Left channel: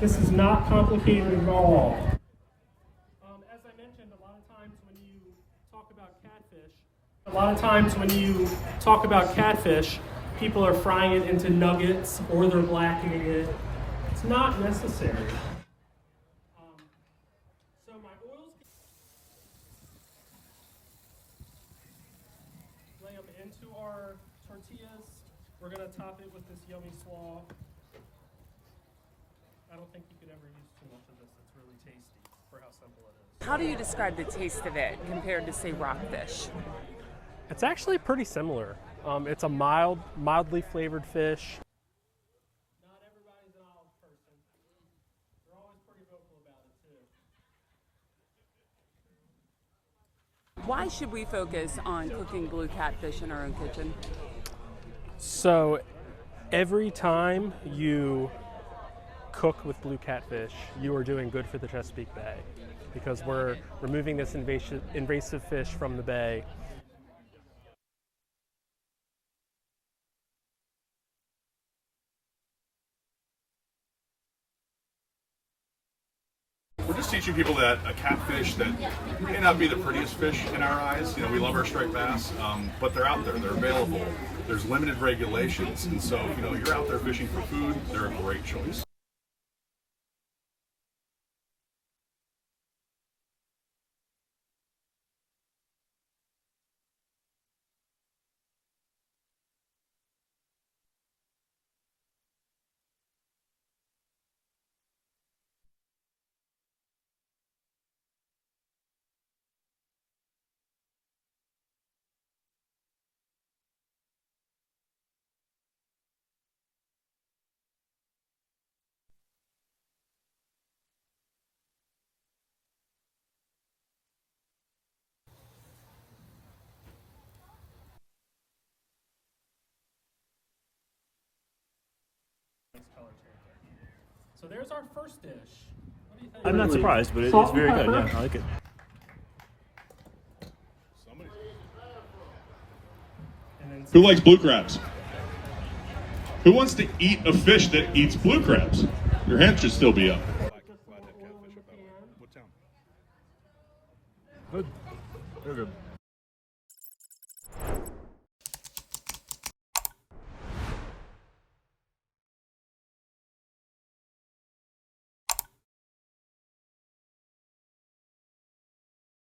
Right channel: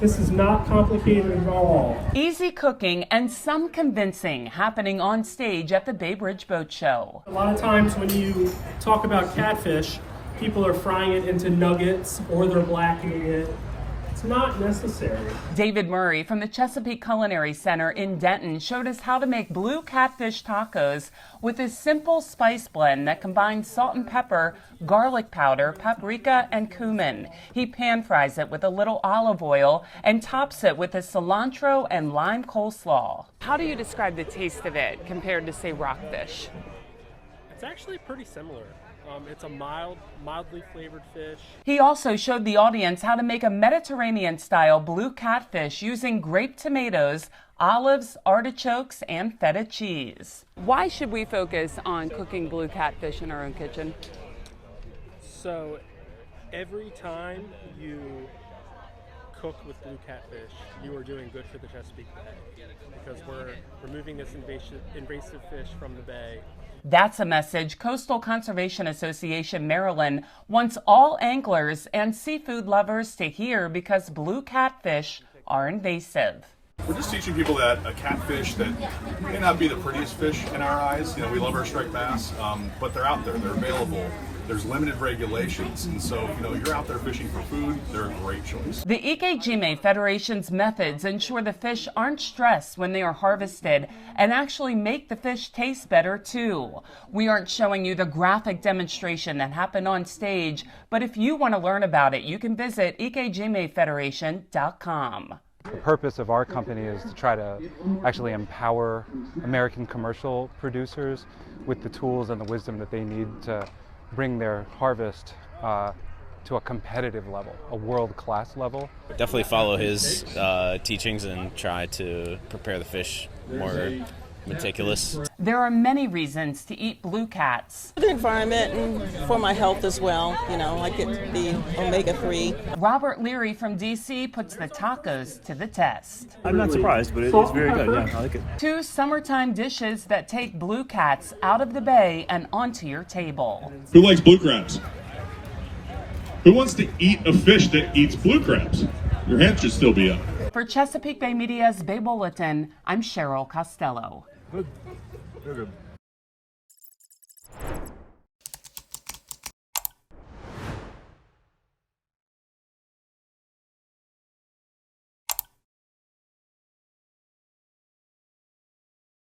This is not complicated at all. Easy cooking and some convincing happening on stage at the Bay Bridge Boat Show. A lot of times when you talk about catfish, people are frying it into nuggets or they're blackening it. It's not necessary. David Murray from the Chesapeake Culinary Center in Denton showed us how to make blue catfish tacos with his simple spice blend that combines salt and pepper, garlic powder, paprika, and cumin. He pan fries it with a little olive oil and tops it with a cilantro and lime coleslaw. How do you describe the taste of it compared to, say, rockfish? It's actually pretty similar. It's a mildly flavored fish. He also showed the audience how to make a Mediterranean-style blue catfish using grape tomatoes, olives, artichokes, and feta cheese. Why should we focus on cooking blue catfish in our own kitchen? So every time you cook with blue catfish, you are doing good for the Chesapeake Bay because we're removing this invasive fish from the bay. That's a message Coastal Conservation Association Maryland wants all anglers and seafood lovers to hear because blue catfish are invasive. We're just teaching people that a catfish that may not be the prettiest fish in our eyes, we love our striped bass, but they're out there, they're available. There's limited regulations, and so if you're out there fishing for food, they're a great choice. The Ikejime Federation's methods ensure the fish aren't stressed when they are harvested and actually make the fish taste better too. We aren't showing you the graphic demonstration that happened on stage, but if you want to learn about it, you can visit ikejimefederation.com. The purpose of our company is to try to actually empower American commercial producers with the tools and the wisdom that they need to bring their harvest to a competitive level, a world-class level. Definitely follow his teachings and try to prepare the fish more meticulous. There are many reasons to eat blue cats. For the environment and for my health as well. I get the omega-3. Robert Leary from D.C. puts the tacos to the test. I'm not surprised, but it's very good. Yeah, I like it. 2 summertime dishes that take blue cats out of the bay and onto your table. Who likes blue crabs? Who wants to eat a fish that eats blue crabs? Your hand should still be up. For Chesapeake Bay Media's Bay Bulletin, I'm Cheryl Costello. Good. Very good.